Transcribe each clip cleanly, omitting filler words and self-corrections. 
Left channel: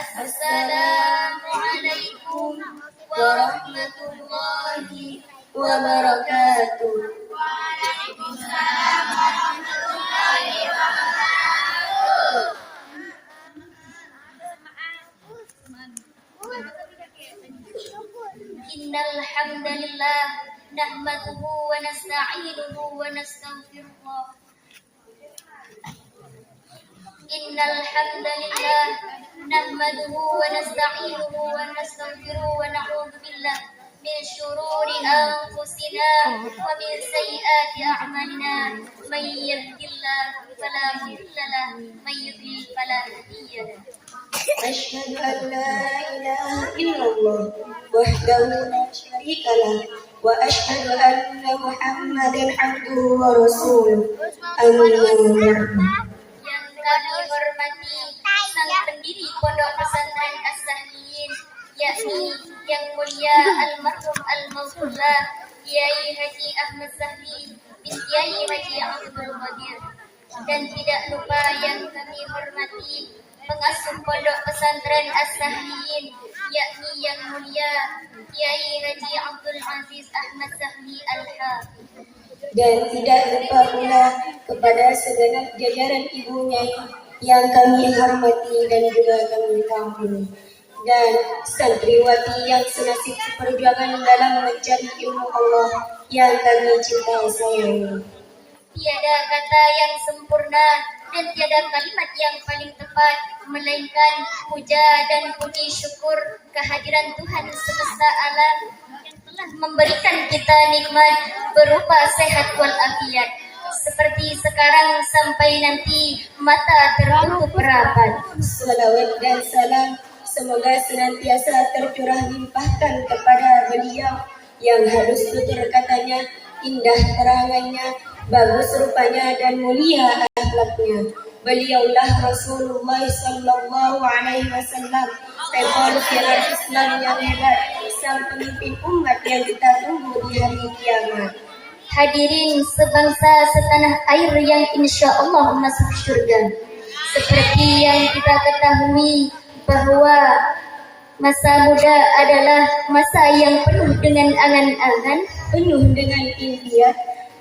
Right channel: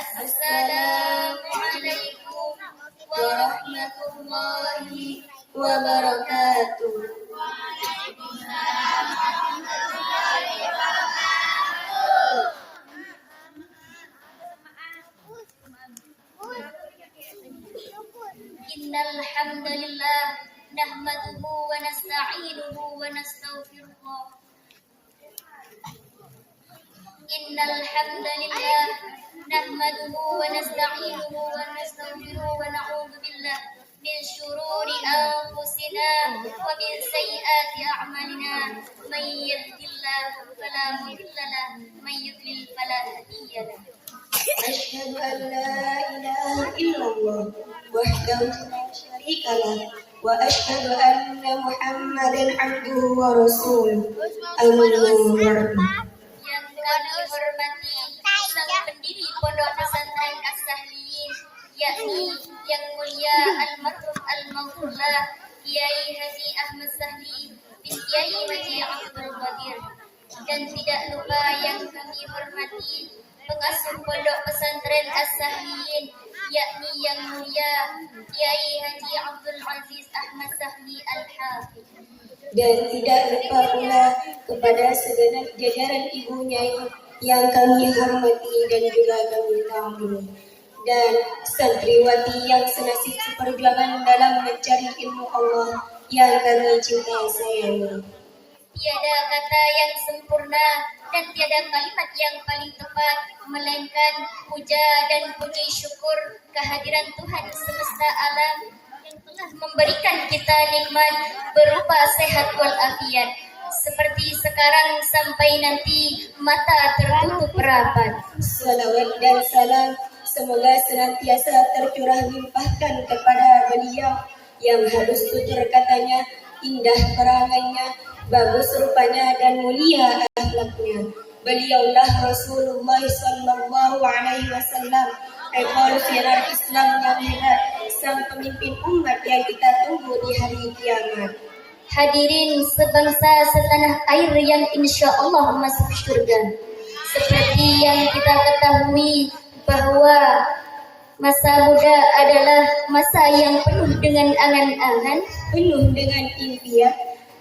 Assalamualaikum warahmatullahi wabarakatuh. Waalaikumsalam warahmatullahi wabarakatuh. Innal hamdalillah nahmaduhu wa nasta'inuhu wa nastaghfiruh. Innal hamdalillah nahmaduhu wa nasta'inuhu wa nastaghfiruh wa na'udzu billahi min shururi anfusina wa min sayyiati a'malina may yahdihillahu fala mudilla lahu may yudlil fala hadiya lahu. Asyhadu an la ilaha illallah wahdahu la syarika lahu wa asyhadu anna Muhammadan abduhu wa rasuluh. Amma ba'du. Kami hormati sang pendiri Pondok Pesantren As-Sahliyin, yakni Yang Mulia Almarhum Al-Maghfurlah Kiai Haji Ahmad Sahli bin Kiai Haji Abdul Qadir, dan tidak lupa yang kami hormati pengasuh Pondok Pesantren As-Sahliyin, yakni Yang Mulia Kiai Haji Abdul Aziz Ahmad Sahli Al-Hafidh. Dan tidak lupa pula kepada segenap jajaran ibu nyai yang kami hormati dan juga kami tampuni, dan santriwati yang senasib seperjuangan dalam mencari ilmu Allah yang kami cinta sayangi. Tiada kata yang sempurna dan tiada kalimat yang paling tepat melainkan puja dan puji syukur kehadiran Tuhan semesta alam yang telah memberikan kita nikmat berupa sehat walafiat, seperti sekarang sampai nanti mata tertutup rapat. Salawat dan salam semoga senantiasa tercurah limpahkan kepada beliau yang halus tutur katanya, indah perangannya, bagus rupanya dan mulia akhlaknya. Beliaulah Rasulullah sallallahu alaihi wasallam, revolusioner Islam yang hebat, sang pemimpin umat yang kita tunggu di hari kiamat. Hadirin sebangsa setanah air yang insya Allah masuk surga. Seperti yang kita ketahui bahwa masa muda adalah masa yang penuh dengan angan-angan, penuh dengan impian,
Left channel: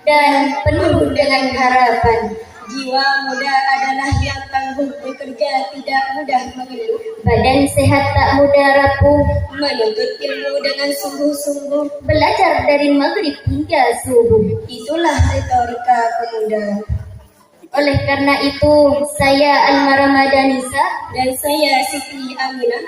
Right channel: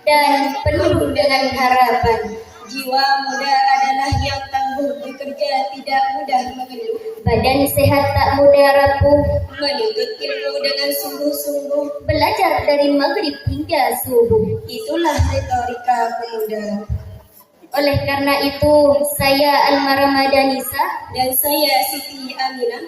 dan penuh dengan harapan. Jiwa muda adalah yang tangguh bekerja, tidak mudah mengeluh. Badan sehat tak mudah rapuh, menuntut ilmu dengan sungguh-sungguh, belajar dari maghrib hingga subuh. Itulah retorika pemuda. Oleh karena itu, saya Almarama Danisa dan saya Siti Aminah,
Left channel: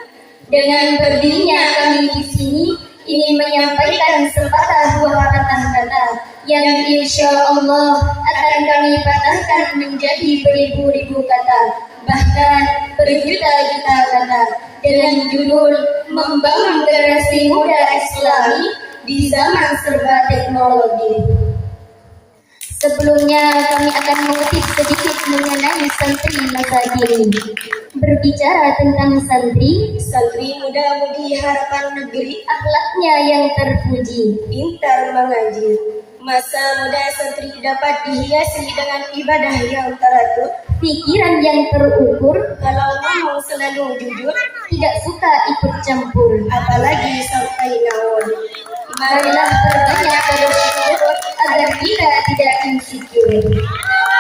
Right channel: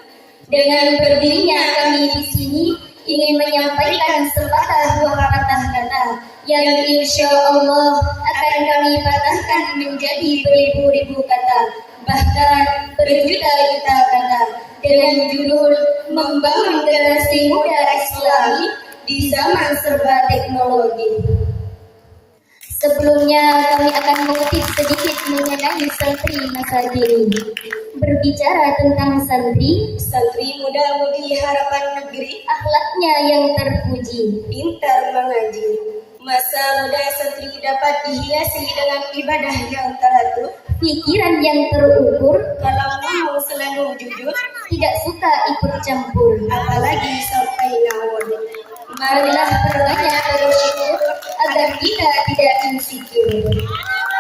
dengan berdirinya kami di sini ingin menyampaikan sepatah dua patah kata yang insya Allah akan kami patahkan menjadi beribu-ribu kata, bahkan berjuta-juta kata, dengan judul membangun generasi muda Islami di zaman serba teknologi. Sebelumnya kami akan mengutip sedikit mengenai santri masa kini. Berbicara tentang santri muda budi harapan negeri, akhlaknya yang terpuji, pintar mengaji. Masa muda santri dapat dihiasi dengan ibadah yang teratur, pikiran yang terukur, kalau ngomong selalu jujur, tidak suka ikut campur, apalagi sampai nawon. Marilah perbanyak bersyukur agar kita tidak insecure.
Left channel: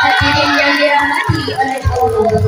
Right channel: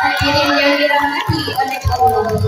Hadirin yang dirahmati oleh Allah,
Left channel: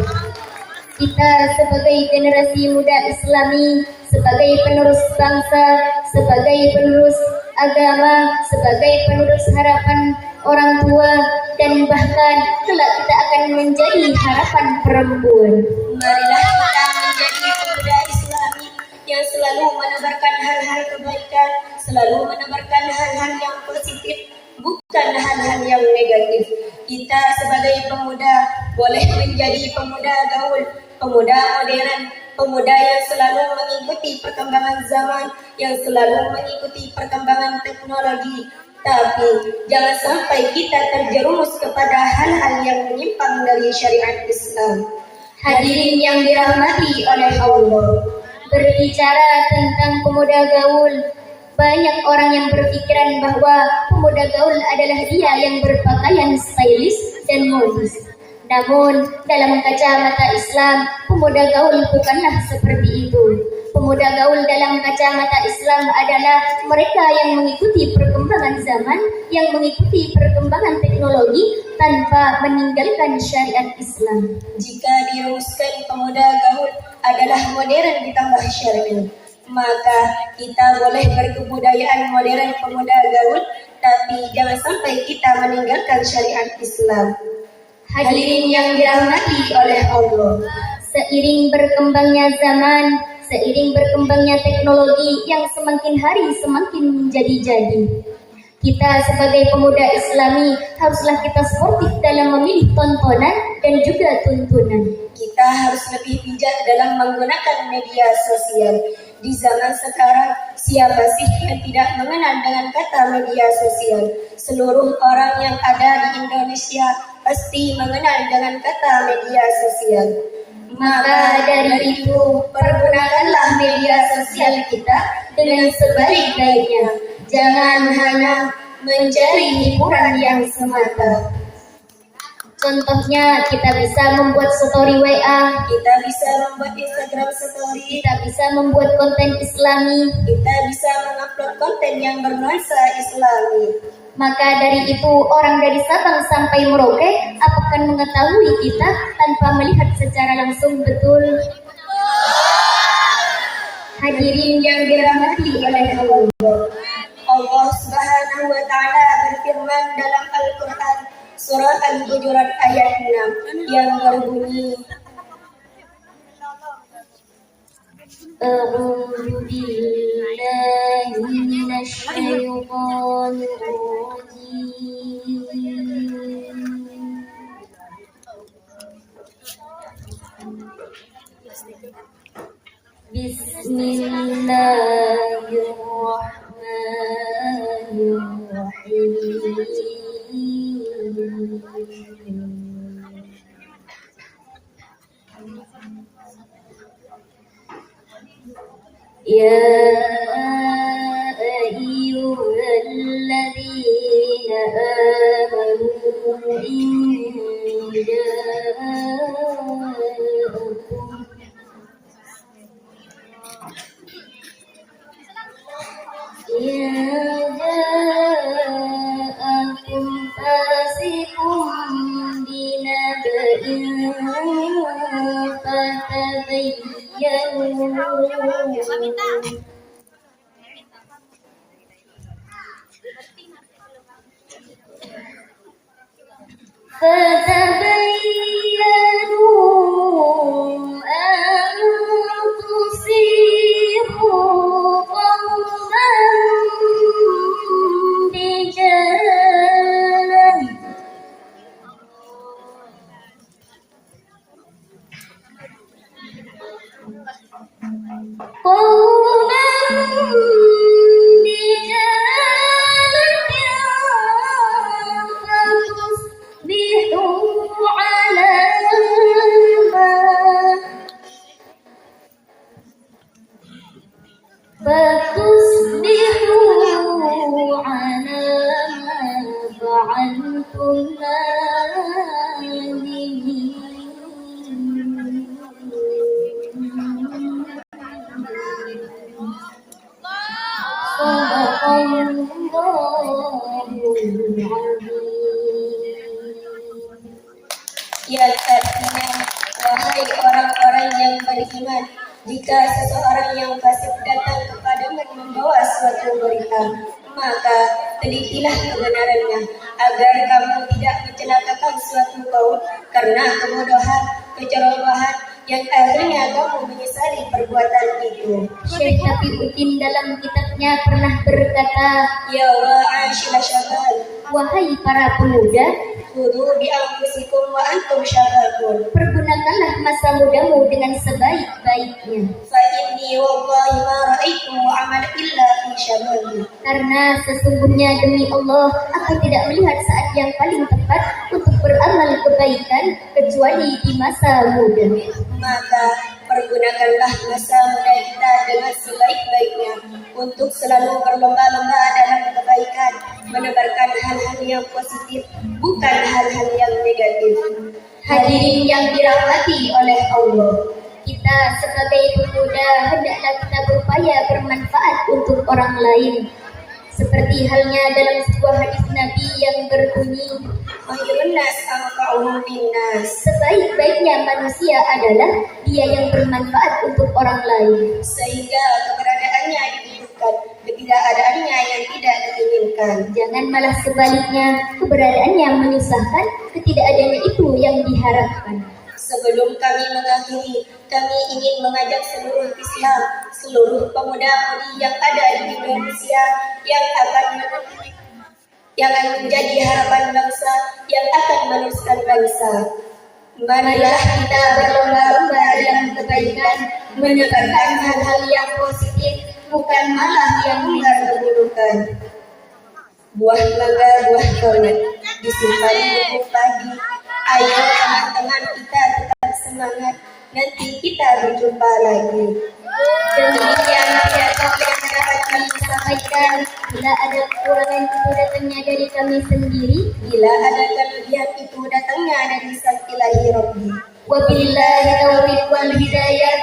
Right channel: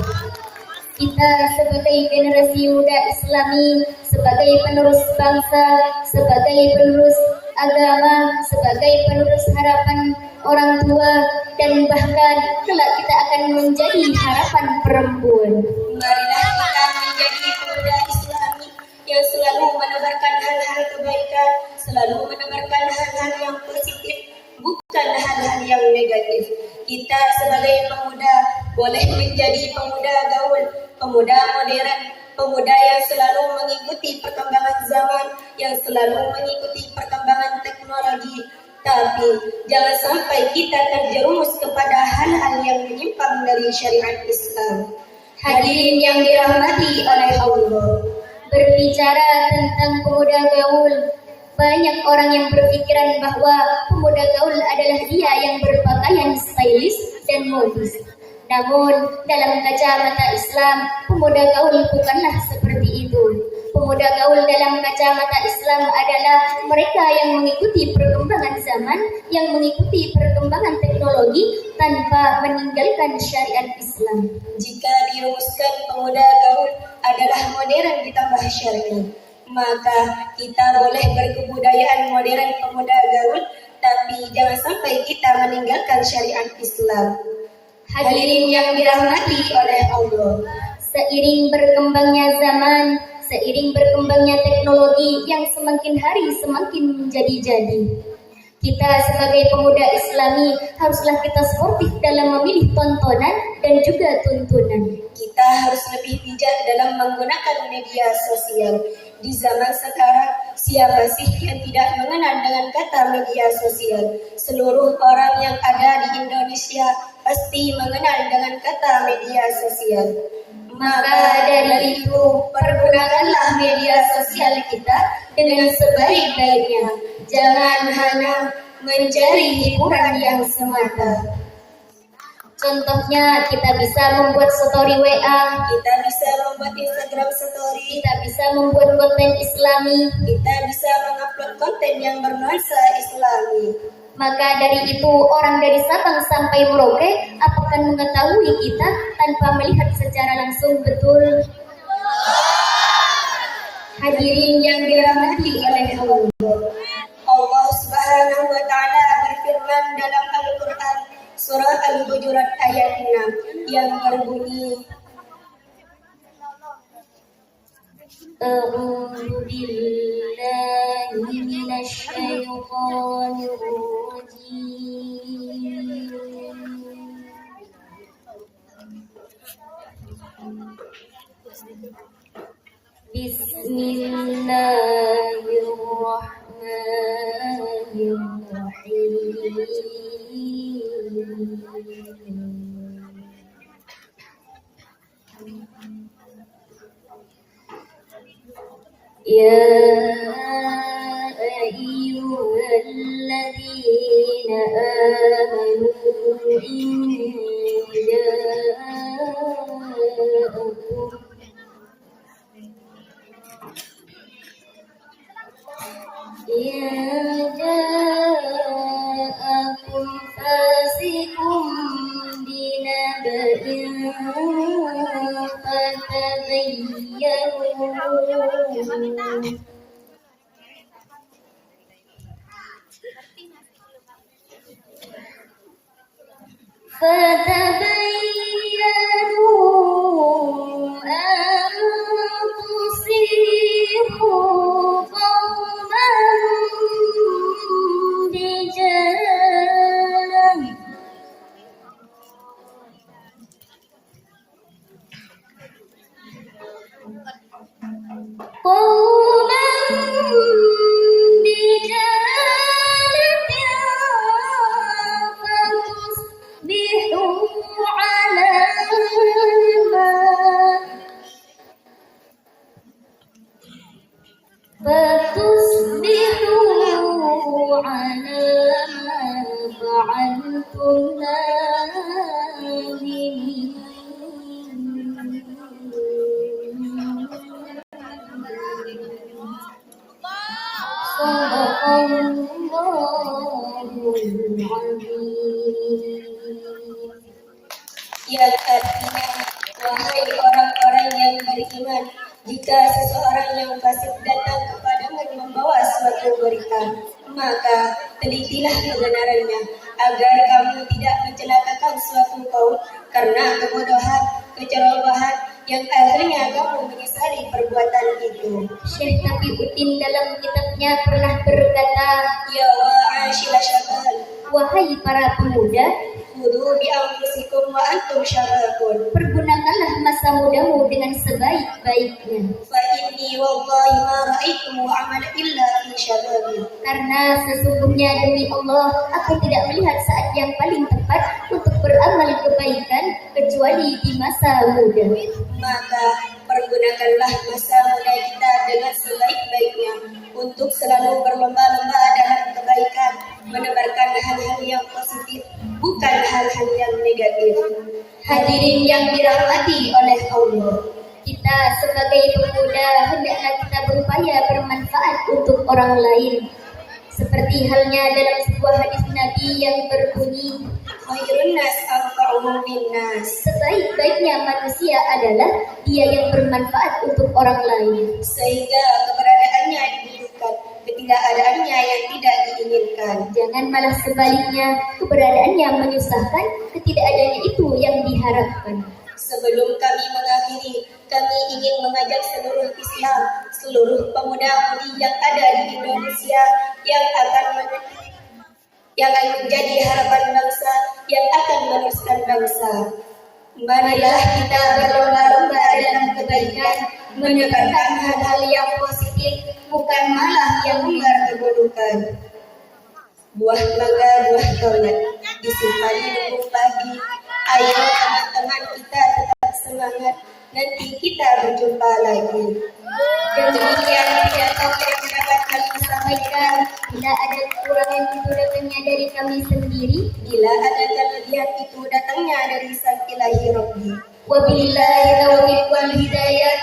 kita sebagai generasi muda Islami, sebagai penerus bangsa, sebagai penerus agama, sebagai penerus harapan orang tua, dan bahkan kelak kita akan menjadi harapan perempuan. Marilah kita menjadi pemuda Islami yang selalu menebarkan hal-hal kebaikan, selalu menebarkan hal-hal yang positif, bukan hal-hal yang negatif. Kita sebagai pemuda boleh menjadi pemuda gaul, pemuda modern, pemuda yang selalu mengikuti perkembangan zaman, yang selalu mengikuti perkembangan teknologi. Tapi jangan sampai kita terjerumus kepada hal-hal yang menyimpang dari syariat Islam. Hadirin yang dirahmati oleh Allah, berbicara tentang pemuda gaul, banyak orang yang berpikiran bahwa pemuda gaul adalah dia yang berpakaian stylish dan modis. Namun dalam kacamata Islam, pemuda gaul bukanlah seperti itu. Pemuda gaul dalam kacamata Islam adalah mereka yang mengikuti perkembangan zaman, yang mengikuti perkembangan teknologi tanpa meninggalkan syariat Islam. Jika dirumuskan pemuda gaul adalah modern ditambah syar'i, maka kita boleh berkebudayaan modern pemuda gaul, tapi jangan sampai kita meninggalkan syariat Islam. Hadirin yang dirahmati oleh Allah, seiring berkembangnya zaman, seiring berkembangnya teknologi yang semakin hari semakin menjadi-jadi, kita sebagai pemuda Islami haruslah kita sportif dalam memilih tontonan dan juga tuntunan. Kita harus lebih bijak dalam menggunakan media sosial. Di zaman sekarang, siapa sih yang tidak mengenal dengan kata media sosial? Seluruh orang yang ada di Indonesia pasti mengenal dengan kata media sosial. Maka dari itu, pergunakanlah media sosial kita dengan sebaik-baiknya. Jangan hanya mencari hiburan yang semata. Contohnya, kita bisa membuat story WA, kita bisa membuat Instagram story, kita bisa membuat konten Islami, kita bisa mengupload konten yang bernuansa Islami. Maka dari itu, orang dari Sabang sampai Merauke akan mengetahui kita tanpa melihat secara langsung betul. Hadirin yang dirahmati oleh Allah. Allah Subhanahu wa taala berfirman dalam Al-Qur'an surah Al-Hujurat ayat 6 yang berbunyi, A'udzu billahi minasyaitonir rajim. Ya ayyuhalladzina amanu in ja'akum fasiqun binaba'in fatabayyanu yang artinya, wahai orang-orang yang beriman, jika seseorang yang fasik datang kepadamu membawa suatu berita, maka telitilah kebenarannya, agar kamu tidak mencelakakan suatu kaum karena kebodohan, kecerobohan, yang akhirnya kamu menyesali perbuatan itu. Syekh Taqiyuddin dalam kitabnya pernah berkata, Ya wa'ashila syabab, wahai para pemuda, khudhu bi'anfusikum wa antum syababun, pergunakanlah masa mudamu dengan sebaik-baiknya. fa inni wallahi ma ra'aitu amala illa fi syababi, Karena sesungguhnya demi Allah, aku tidak melihat saat yang paling tepat untuk beramal kebaikan kecuali di masa muda. maka pergunakanlah masa muda kita dengan sebaik-baiknya untuk selalu berlomba-lomba dalam kebaikan, menebarkan hal-hal yang positif, bukan hal-hal yang negatif. Hadirin yang dirahmati oleh Allah, orang lain. Seperti halnya dalam sebuah hadis Nabi yang berbunyi, Khairun nas anfa'uhum linnas. sebaik-baiknya manusia adalah dia yang bermanfaat untuk orang lain. Sehingga keberadaannya dibutuhkan, ketidakadaannya yang tidak diinginkan. Jangan malah sebaliknya, keberadaannya menyusahkan, ketidakadaannya itu yang diharapkan. Sebelum kami mengakhiri, kami ingin mengajak seluruh Islam, seluruh pemuda-pemudi yang ada di Indonesia yang akan menjadi harapan bangsa, yang akan meneruskan bangsa. Marilah kita berlomba-lomba dalam kebaikan, menebarkan hal-hal yang positif, bukan malah yang menebar keburukan. Buah mangga, buah tomat, disimpan di pagi. Ayo teman-teman kita tetap semangat, nanti kita berjumpa lagi. Demikian pidato yang dapat kami sampaikan. Bila ada kekurangan itu datangnya dari kami sendiri. Bila ada kelebihan itu datangnya dari Sang Ilahi Rabbi. Wabillahi taufiq wal hidayah.